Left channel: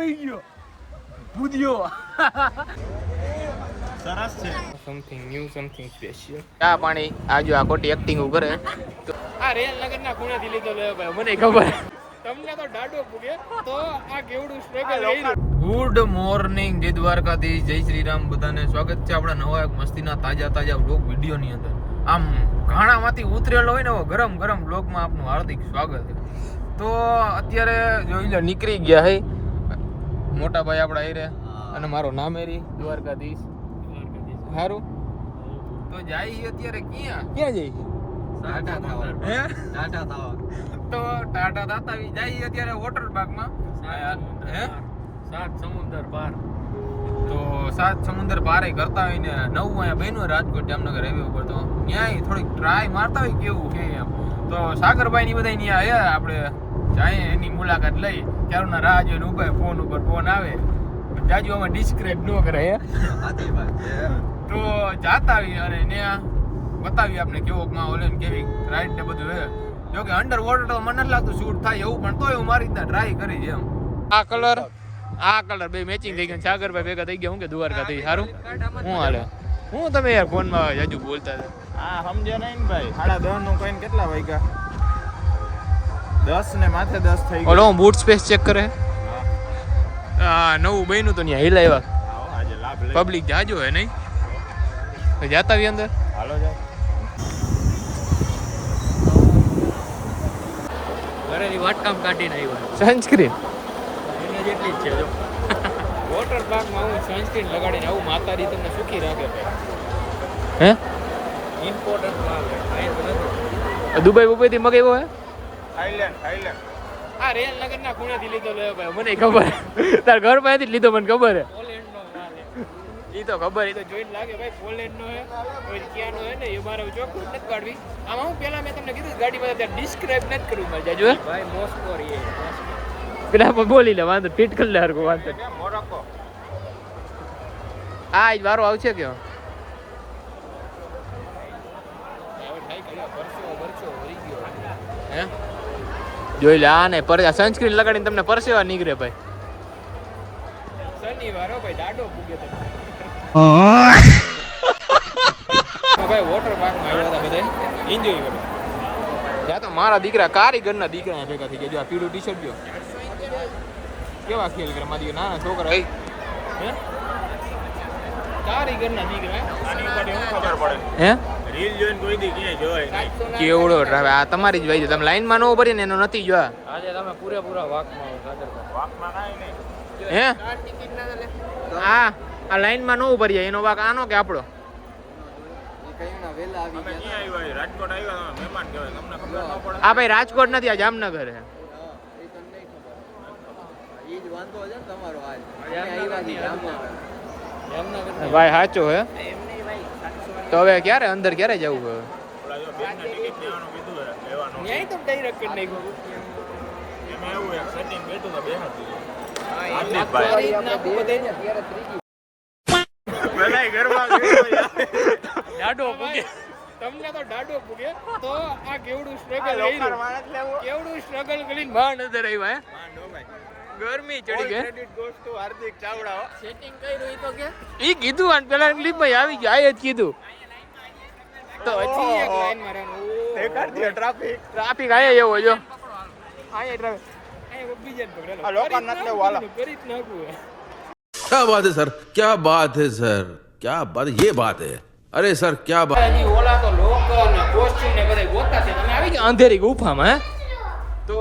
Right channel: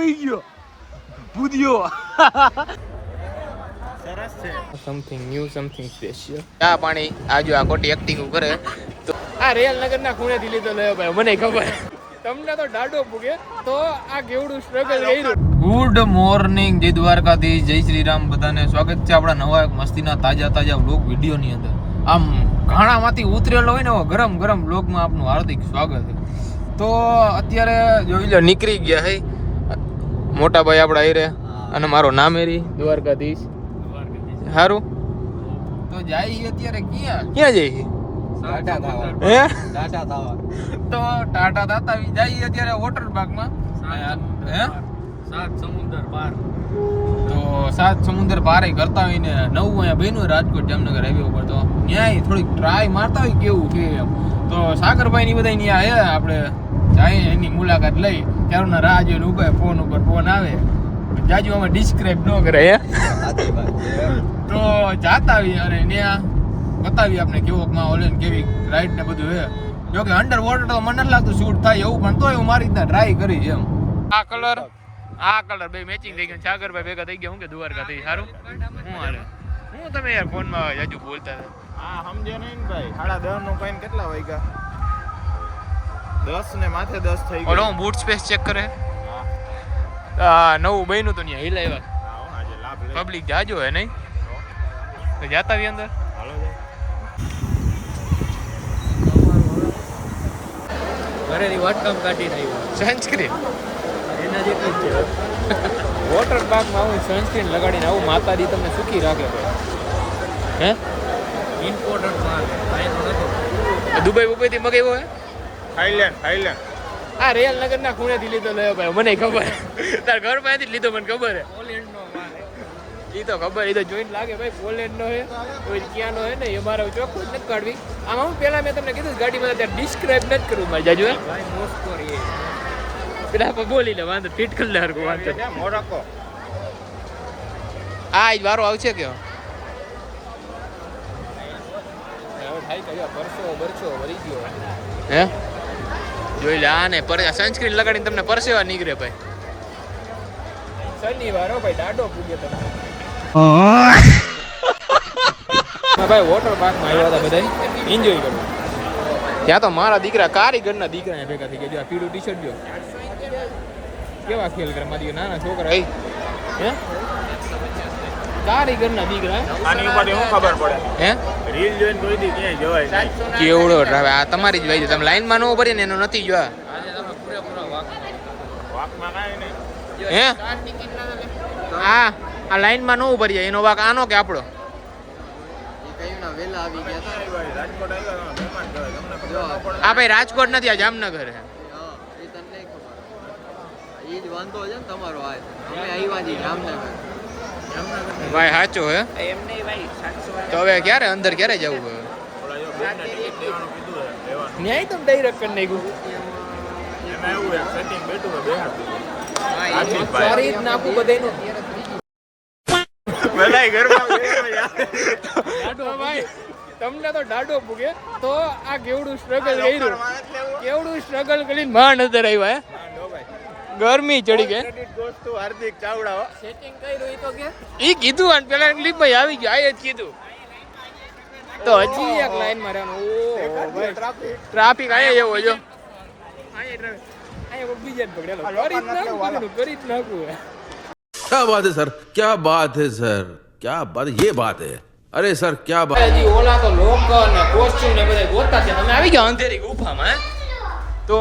હોઈ ગયો ભૂદ્યો સરસ છે સમથિંગ ન્યુ સમથિંગ સ્પેશિયલ ચા પાણી આજો આ ખોટી એક્ટિંગ કરે તો આ રેલનગર ના ખૂણેથી લીધો લે ભાઈ મને ખબર તમને તો ડાડો પૂગે તો આ કેવડું સ્ટ્રગલ કર્યું. ગુડ મોર્નિંગ જય દ્વારકાધીશ જય શ્રી રામ બધાને સ્વાગત છે આપણા નવા એક મસ્તીના તાજા વ્લોગ વિડીયોની અંદર. આમ ઘાણામાંથી ઉતરેલો હોય ને ગરમ ગરમ વ્લોગમાં આપનું હાર્દિક સ્વાગત છે. તો અત્યારે જોઈ લો નીકળી ગયા હે મોટા ભાઈ આપણા હીરે અને મારો નામ હેરી દ્વારકાધીશ સારું તો જાય અત્યારે ક્યાં જઈએ ટાટા થાવા હે ટાટા થાવા તો ટાટા દાતા જાય અત્યારે વોટર પાર્કમાં હે સાત સમુદ્ર પાર તો સાત સમુદ્ર પાર કરતા હોય ને નવું અહીંયા બન્યું રાજકોટ જામનગર હાઈવે ઉપર તો ન્યાય થોડીક ટ્રાય મારતા હોય કેવું છે એમ તો સાગરભાઈ ની બધા ત્યાં હે આપણે જાય એની મુલાકાત લઈ ત્યારના રાહ જોઈને ઉભા ફોન ઉપર ફોન આવે જાજુ આમાં ડિસ્ક્રાઇબ ન કરે હે તો જાતા આવી અને ત્યાં બતાવી આપણે કેવો માહોલ ને કેવી રાઈડ ને બધું હે જો કે અંડર વોટર તો મને નથી લાગતું શૂટ થાય એવું પણ તોય હું મારી રીતના ટ્રાય કરી એમ આ કલર બે મેચિંગ થઈ ગયા સાગરભાઈ ભેગા થઈ ગયા હું કે દ્વારકા થઈ સારું હું હાલે હું તમે યાર ફોનમાં જાજુ બોલતા હતા આ સમજે નહીં ભાઈ 10:30 નું કઈને કેટલા વાગ્યા 10 ને માથે 10 થઈ ગયા ઓલો બૂટ સ્પેસ ચેક કરે હા નવું બન્યું તો ત્યાં હિલાવ્યા આજે લાભ લે પબ્લિક જાજો હે નહીં તો જાતા આવી અંદર હાલો જાય ઘરેની વાટકામ કાઢીને આવ્યા સનસ્ક્રીન એના જેટલી જ છે વોટર પાર્કમાં આવું સનસ્ક્રીન લગાડીને આવું માતાજી તમને સુખી રાખે ભાઈ હે ઇમ્પોર્ટન્ટ માલ છે દુબઈ થી મગાવ્યો હે થાઈલેન્ડ આ રેલનગર ના ખૂણેથી લીધો લે ભાઈ મને ખબર તાર ઘર પાસેથી જ લીધો મને ખબર હે પોલેન્ડ નો માલ ઈ તો ખબર ઈ તો જોઈને લાગે ભાઈ પોલેન્ડ નો હે કોઈ ક્યાંનો હે ને એ મારા ચોખ્ખું નથી કાઢવી આમાં હું પેલા મેં તમને કીધું ગાડીમાં ત્યાં ડિસ્ક્રાઇબ નથી કરવું મારે જાજુ હે ભાઈ મોસ્કો રે પેલા પર બોલી લે વાંધો ફિટ કરી લે હરકો વાંધો મોરોકો આ જ વારો આવશે કે હવે થાય કયો પરસો વળી ગયો હે જોઈ લે આ ને પર સનસ્ક્રીન લગાડીને તમને પરસેવા નીકળે ભાઈ શનિવાર ભાઈ દાડો પૂગે તમને ભાઈ વોટર પાર્કમાં આવ્યા હતા બધા એન્જોય કરો ત્યાં તો મારા દીકરા કારીગરના દીકરા ભેગા થઈ ગયા જો આ પીળું ટી શર્ટ જો કેવા ખેલ કરે મારી નાના છોકરા હે કારીગરના દીકરા આની ઉપર શું ખબર પડે હે રીલ જોઈને કોઈ દી ક્યાંય જવાય નહીં કેવડો ટ્રાવે આ તમારી જ ભાઈ તમે લાઈનમાં ન ભરી ને એનો નથી જોયા આજે તમે પૂરેપૂરા વાકમાં કાંઈ નહીં હે આ લાઈનમાં ન ઉભરી જાય એનો વાક આનો કે આપણો અમે ક્યાં આવ્યા રાજકોટ આવ્યા મહેમાન કહેવાય તમને ખબર ન પડે આ ભાઈ રાજકોટ નથી આ જામનગર હે ભાઈ સાચો હે તો હવે ક્યારે અંદર ક્યારે જવું હવે ઓલા જો બેનને ટિકિટ લેવાનું કીધું હે લેવાનું ન્યાય તો ડાયરેક્ટ કરી નાખ્યું એમાં એવું એક સેટિંગ બેઠું તો બેહાડી દીધું સારી જ નાખું બધાયનું ભલાઈ ઘરમાં ડાડો ભાઈ તમને તો ડાડો પૂગે તો આ કેવડું સ્ટ્રગલ કર્યું કેવડું સ્ટ્રગલ કરીને માં નજર આવ્યા હે ગરમી ચડી ગઈ credit goes to Hardik Chavda setting કર્યું ઈ તો કે ઈ કીધું અને પેલા ક્લિપમાં આવી ગયું આ જ કીધું તો હજી એક લાઈન માં રહેવાનું ટ્રાફિક આયા એવો જો આયા ટ્રાફિક આયા બીજા જ પકડેલો કરી જ નાખું क्या बात है सर क्या बात है सर क्या बात ये बात है अरे सर क्या बात હજી ઓલા તો લોક ને કોસ્ચ્યુમ ને બધા ગોતા છે તમે આવી ગયા અંધેરી ગુફામાં હે તો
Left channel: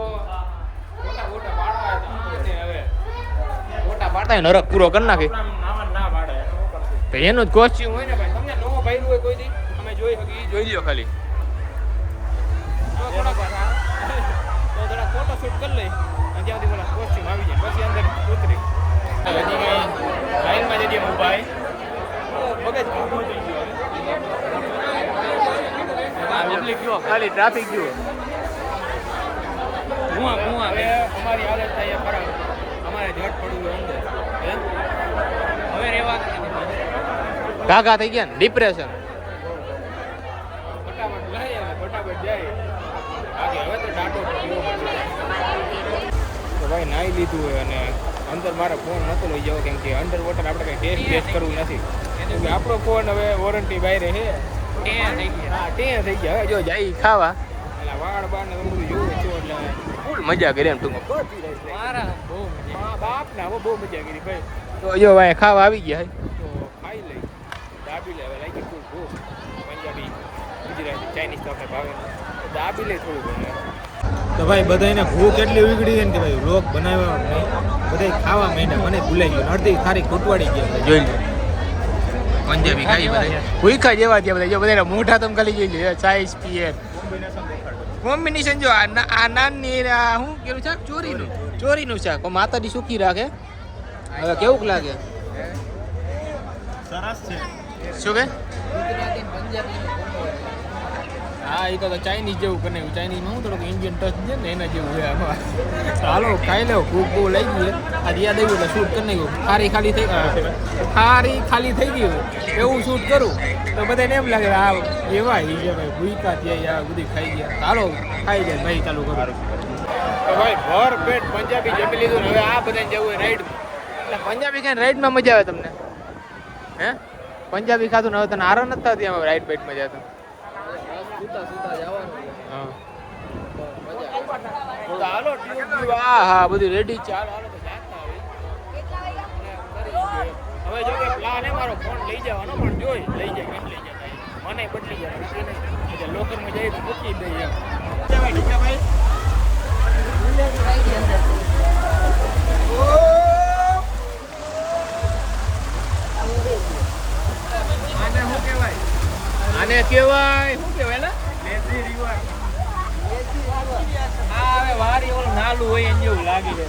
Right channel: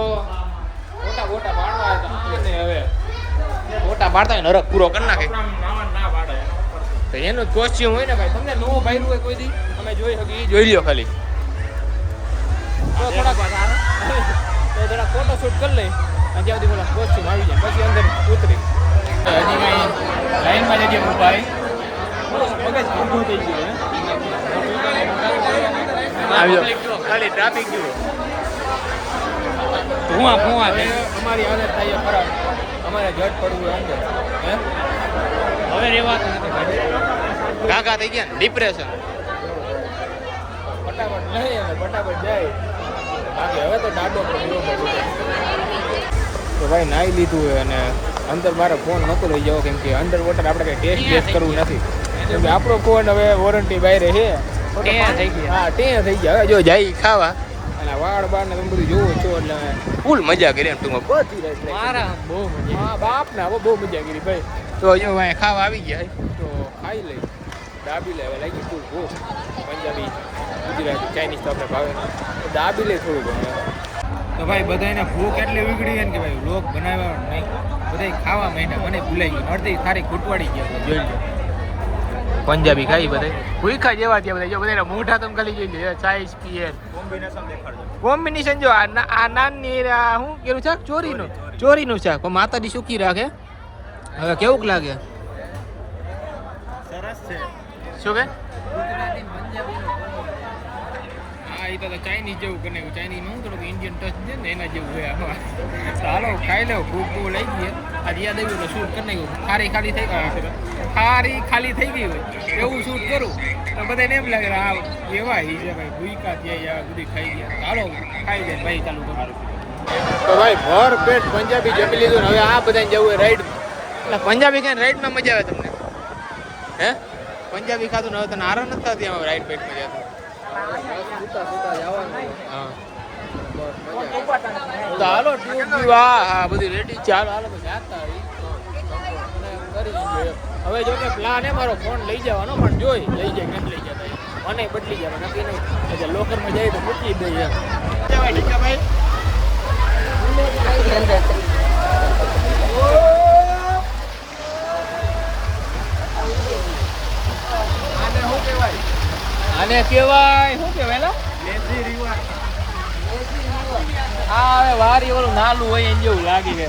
ગોટા પાડવા તો ને હવે ગોટા પાડતા નરક પૂરો કરી નાખે ના પાડે તો એનું જ કોસ્ચ્યુમ હોય ને ભાઈ તમને નો ભાઈલું હોય કોઈ દી અમે જોઈ શકી જોઈ લ્યો ખાલી તો થોડા ફોટો શૂટ કરી લઈ અને જ્યાં સુધી બોલા કોસ્ચ્યુમ આવી જાય પછી અંદર ઉતરી હજી લાઈનમાં જગ્યાએ ઊભા મગજ ઊભું થઈ ગયું ખાલી ટ્રાફિક જુઓ હવે અમારી હાલત થાય ખરાબ અમારે જટ પડવું અંદર હવે રેવાતું ઢાકા થઈ ગયા ને ડિપ્રેશન ફટાફટ નહીં અને ફટાફટ જાય બાકી હવે તો ડાડો પડ્યો તો ભાઈ નાઈ લીધું હોય અને અંદર મારો ફોન નહોતો લઈ જવો કેમ કે અંડર વોટર આપણે કંઈ ટેસ્ટ કરવું નથી કેમ કે આપણો ફોન હવે વોરંટી બહાર છે હા ટે થઈ ગયા હવે જો જાય ખાવા અને વાળ બાર ને બધું જોવો છો એટલે ફૂલ મજા કરી એમ ટૂંકમાં બધી રાત હા બાપ ના બહુ મજા કરી ભાઈ તો જો ભાઈ ખાવા આવી ગયા તો ખાઈ લઈ દાબી લે હવે લાગી ફૂલ ભૂખ પંજાબી ગુજરાતી ચાઇનીઝ તો આપણે ભાવે દાબી લે થોડું ઘણું તો ભાઈ બધાને ભૂખ એટલી ઉગડી છે ને કે ભાઈ લોક બનાવવાનો નહીં બધા ખાવા માંડ્યા મને ભૂલાઈ ગયું અડધી સારી ખૂટવાડી ગયા જોઈ લો પંજાબી ખાઈ બધા ભૂખા જેવા ત્યાં બધા જો બધા મોઢા તમે ખાલી જોઈ લો ચાઈસ પીએ કોમ્બિનેશન જો આ નાનની શું કેવું છે ચોરીનું શાક માતાજી સુખી રાખે હવે કેવું લાગે સરસ છે શું કે હા એ તો ચાઇનીઝ જેવું કરીને ચાઇનીઝમાં હું થોડુંક ઇન્ડિયન ટચ છે ને એના જેવું છે આમાં ચાલો ખાઈ લો ભૂખ બહુ લઈ ગઈ આજે યાદ આવ્યું એટલે શૂટ કરી નાખ્યું ખારી ખાલી થઈ ગયું એવું શૂટ કરું તો બધાને એમ લાગે હા એવા એ છે ભાઈ ભૂકા થયા બધી ખાઈ ગયા ચાલો ખાઈ જાય ભાઈ ચાલુ કરું તો ભાઈ ભર પેટ પંજાબી જમી લીધું હવે આ બધાને જવું હોય રાઈડમાં એટલે પંજાબી ખાઈને રાઈડમાં મજા આવે તમને હે પંજાબી ખાધું ને હવે તને આરો નથી થતી આમાં રાઈડ પેટમાં જતા સુતા જવાનું હા તો હાલો હા બધી રેડી ચાલો હાલો જાતા હવે જો કે પ્લાન એ મારો ફોન લઈ જવાનો પણ જોઈ લઈ જાય કેમ લઈ જાય મને બદલી જાય નક્કી નહીં એટલે લોકરમાં જાય તો મૂકી દઈએ આને કેવાય શું કેવાય હા હવે વારી ઓલું નાલું હોય એને જેવું લાગી ને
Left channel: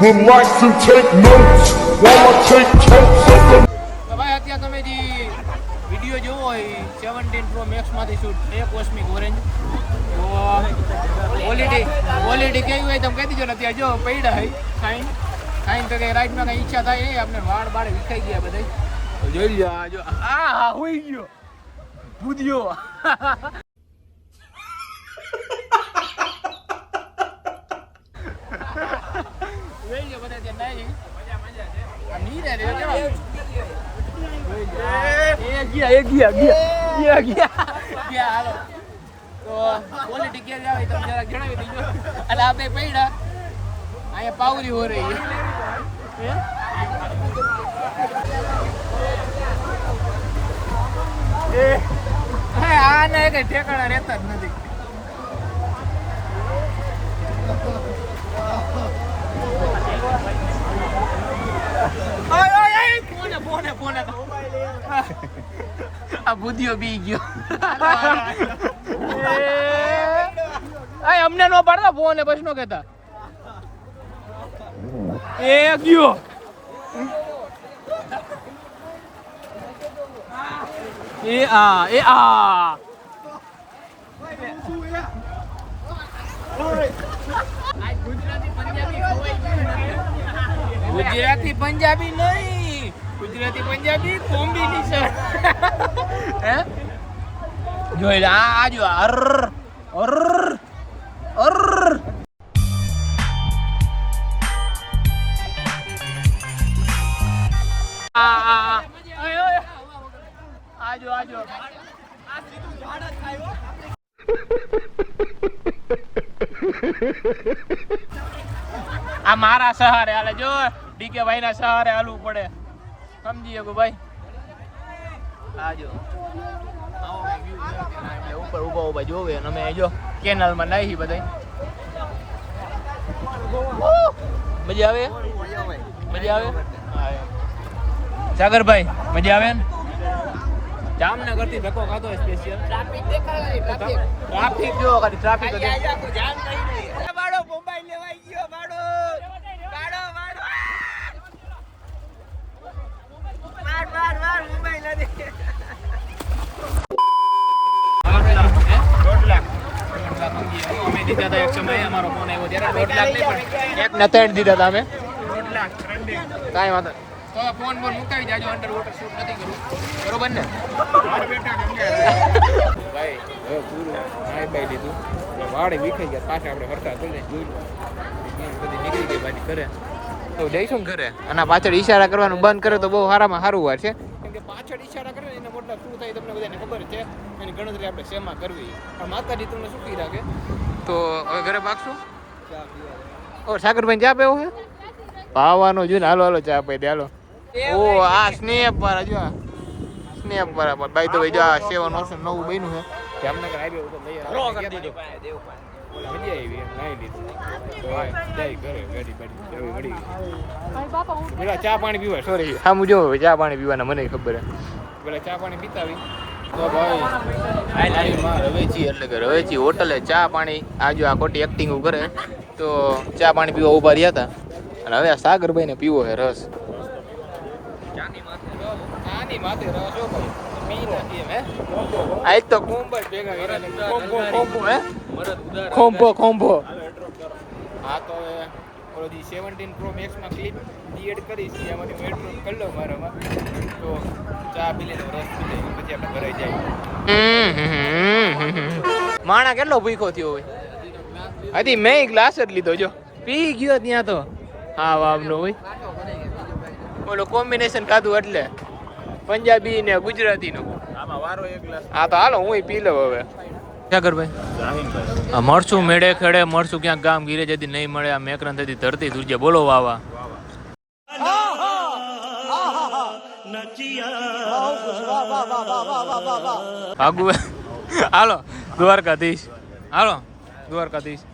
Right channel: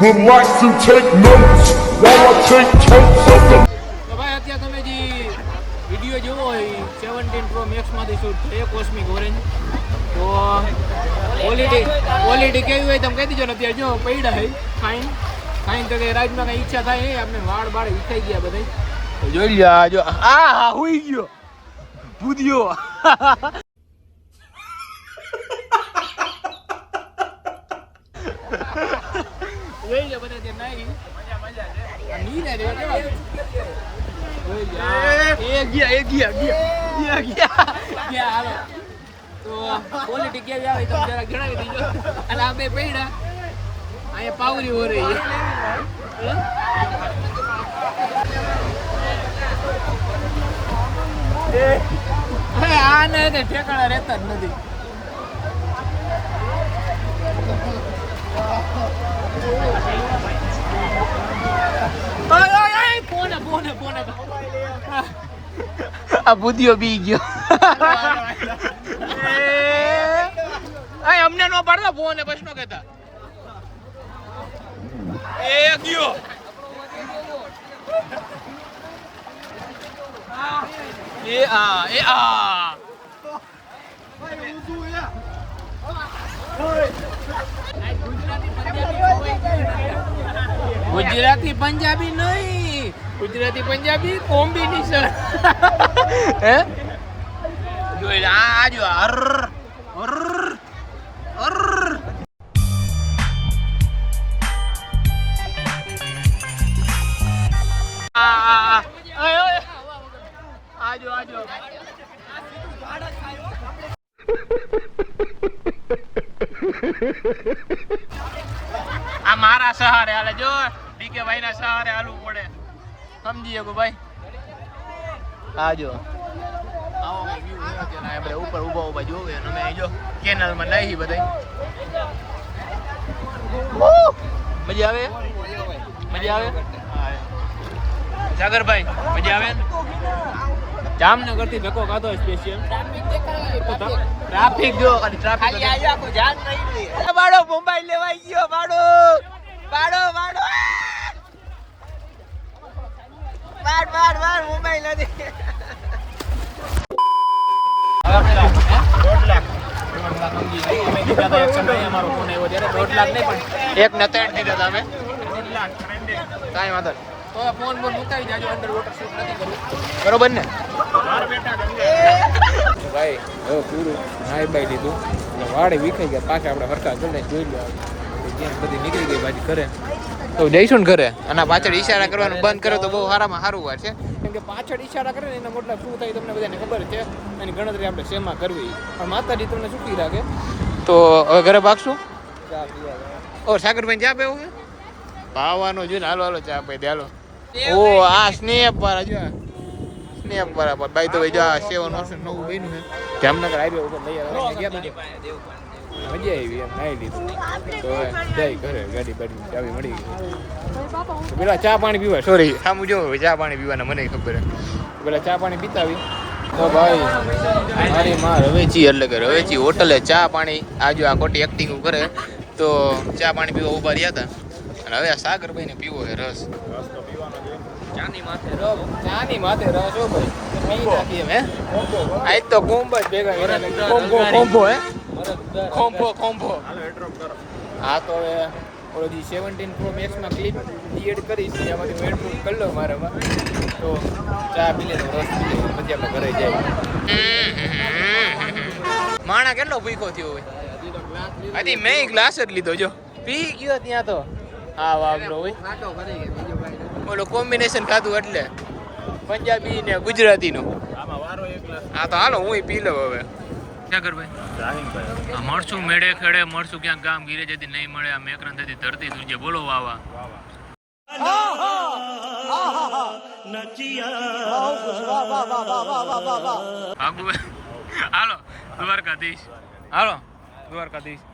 would like to take notes while I take totes of the તો ભાઈ અત્યારે તમે જે વિડીયો જોવો હોય 17 Pro Max માંથી શૂટ થયો કોસ્મિક ઓરેન્જ તો ક્વોલિટી કેવી હોય તમે કહી દીજો ને અત્યારે જો પૈડા હે ખાઈને તો કઈ રાઈડમાં કઈ ઈચ્છા થાય નહીં આપણે વાળ બાળ વિખાઈ ગયા બધા તો જોઈ લ્યો જો હા હોઈ ગયો ભૂદ્યો જોઈ લ્યો બધા ત્યાં નહીં નીરે રે કેવા ગયા હાલો તો ક્વોલિટી કેવી આવે તમે જરાક જણાવી દીજો અને આ બે પૈડા અહીંયા પાવરી હો રહી આને કઈ ઠેકાણા રહેતા જ નથી ફોને આ બુદ્ધિઓ બી ગયો અમને નો પાડતા ફોન બસ નો કેતા એ ગયો ગુજરાતી પંજાબી નહીં ગુજરાતી પંજાબી કોમ્બિનેશન હે જોઈ લે આ જો અર અર અર આજો આ મારા સહારે હાલે જો ડીકે ભાઈ ના સહારે હાલવું પડે સમજી ગયો ભાઈ આજો આપણે ઉપર ઉભા જોવે અમે જો કેનલ માં નાહી બધા મજા આવે હા સાગરભાઈ મજા આવે જામનગર થી ધક્કો ખાધો સ્પેશિયલ ટ્રાફિક જો ખાલી ટ્રાફિક બાડો મુંબઈ લેવાઈ ગયો બાડો મુંબઈ નથી અમારો ફોન આવ્યો ત્યારે 1.5 લાખ નહીં પણ એક ને 3 દીધા હતા અમે 1.5 લાખ કાંઈ વાંધો તો ફોન મુકાવી જાજો અંડર વોટર શૂટ નથી કરવું બરોબર ને ભાઈ હવે પૂરું નાઈ બાઈ લીધું વાડે વિખાઈ ગયા પાછા આપણે હરખા કરીને જોઈ લો ત્યાં બધી નીકળી ગઈ પાછી ઘરે તો જઈશું ને ઘરે અને પાછળ ઈશારા કરવાનું બંધ કરે તો બહુ સારામાં સારું વાત છે કેમ કે પાછળ ઈશારા કરે ને એના મતલબ શું થાય તમને બધાને ખબર છે એની ગણતરી આપણે શેમાં કરવી માતાજી તમને સુખી રાખે તો હવે ઘરે ભાગશું ચા પીવા ઓ સાગરભાઈ ચા પીવું છે પાવાનો જોઈને હાલો હાલો ચા પી દે હાલો ઓ આ સ્નેપ વાળા જો સ્નેપ વાળા ભાઈ તો ભાઈ જો આ 7 ઓપ્શન નવું બન્યું છે જામનગર હાઈવે ઉપર લઈ આવ્યા ગયા મજા આવી એમ નાઈ લીધું તો જાય ઘરે ગાડી બાડી ચાવી મળી ગઈ પેલા ચા પાણી પીવા સોરી સામું જો ચા પાણી પીવાના મને ખબર હે પેલા ચા પાણી પીતા આવી તો ભાઈ મારી માં રવેચી એટલે કે રવેચી હોટલે ચા પાણી આજો આ ખોટી એક્ટિંગ કરે તો ચા પાણી પીવા ઉભા રહ્યા હતા અને હવે આ સાગરભાઈ ને પીવો છે રસ ચાની માથે રસ હો ભાઈ આજ તો કુંભ જ ભેગા કર્યા કોમ્બો હે કોમ્બો હા તો હવે ઓલી 17 Pro Max માં ક્લિપ એડ કરીશ એમાંથી હું એડપ્રૂફ કરી લો મારામાં તો ચા પી લે રસ પી લે પછી આપણે ઘરે જાય માણા કેટલો ભૂખો થયો હોય હજી મેં ગ્લાસ જ લીધો જો પી ગયો ત્યાં તો હા વામનો હોય ઓલો કોમ્બિનેશન ખાધું એટલે પંજાબી ને ગુજરાતી નો હા તો હાલો હું પી લઉં હવે સાગરભાઈ મળશું મેળે ખેડે મળશું ક્યાંક ગામ ગીરે જતી નહીં મળે આ મેકરન થતી ધરતી દુર્જે બોલો વાવા આગુ હાલો દ્વારકાધીશ હાલો દ્વારકાધીશ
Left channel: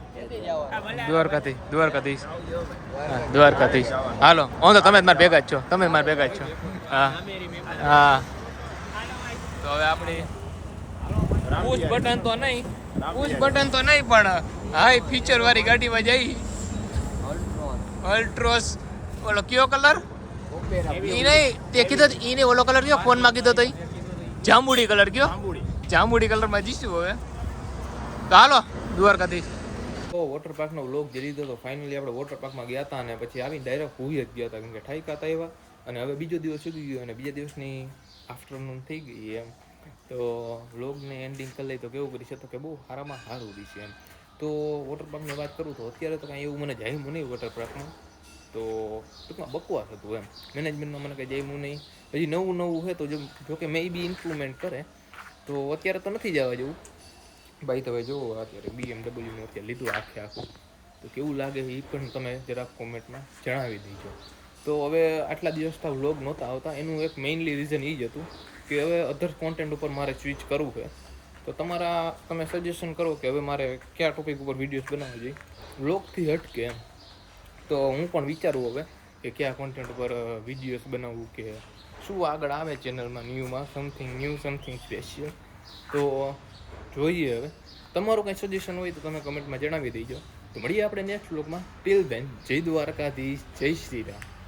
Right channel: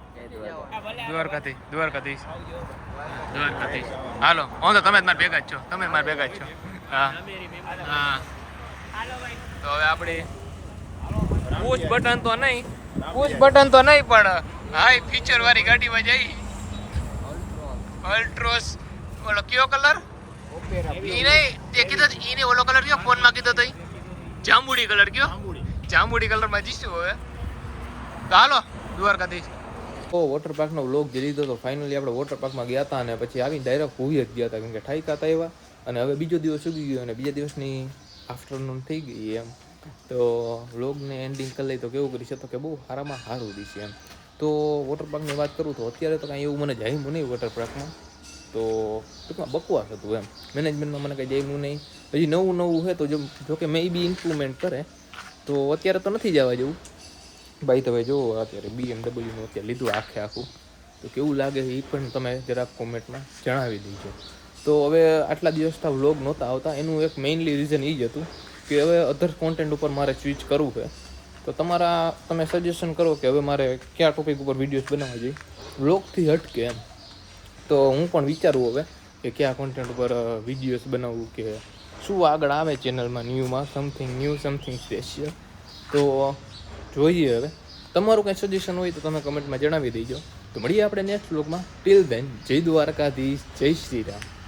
હાલો હું તો તમે જ મારા ભેગા જ છો તમે મારા ભેગા જ છો હા હા તો હવે આપણી પુશ બટન તો નહીં પણ હાઈ ફીચર વાળી ગાડીમાં જઈ અલ્ટ્રોસ ઓલો કયો કલર ઈ નહીં તે કીધો ઈ ને ઓલો કલર કયો ફોનમાં કીધો તો જાંબુડી કલર કયો જાંબુડી કલરમાં જઈશું હવે તો હાલો દ્વારકાથી વોટર પાર્કનો વ્લોગ જે લીધો તો ફાઇનલી આપણે વોટર પાર્કમાં ગયા હતા અને પછી આવીને ડાયરેક્ટ હુઈ જ ગયા હતા કેમ કે ઠાઈકા હતા એવા અને હવે બીજો દિવસ ઉગી ગયો અને બીજા દિવસની આફ્ટરનૂન થઈ ગઈ એમ તો વ્લોગને એન્ડિંગ કરી લઈ તો કેવું કરી છે તો કે બહુ સારામાં સારું રહી છે એમ તો વોટર પાર્કની વાત કરું તો અત્યારે તો કાંઈ એવું મને જામ્યું નહીં વોટર પાર્કમાં તો ટૂંકમાં બકવાસ હતું એમ મેનેજમેન્ટમાં મને કંઈ જામ્યું નહીં હજી નવું છે તો જો કે મે બી ઇમ્પ્રુવમેન્ટ કરે તો અત્યારે તો નથી જવા જેવું ભાઈ તમે જુઓ અત્યારે BMW અત્યારે લીધું આખું તો કેવું લાગે એ પણ તમે જરાક કોમેન્ટમાં જણાવી દેજો તો હવે આટલા દિવસથી વ્લોગ નહોતા આવતા એનું એક મેઇનલી રીઝન એ જ હતું કે હવે અધર કોન્ટેન્ટ ઉપર મારે સ્વિચ કરવું છે તો તમે સજેશન કરો કે હવે મારે કયા ટોપિક ઉપર વિડીયોઝ બનાવવા જોઈએ વ્લોગથી હટકે એમ તો હું પણ વિચારું હવે કે કયા કોન્ટેન્ટ ઉપર વિડીયોઝ બનાવવું કે શું આગળ આવે ચેનલમાં ન્યૂમાં સમથિંગ સ્પેશિયલ તો જોઈએ હવે તમારું કંઈ સજેશન હોય તો તમે કમેન્ટમાં જણાવી દેજો તો મળીએ આપણે નેક્સ્ટ વ્લોગમાં ટિલ ધેન જય દ્વારકાધીશ જય શ્રી રામ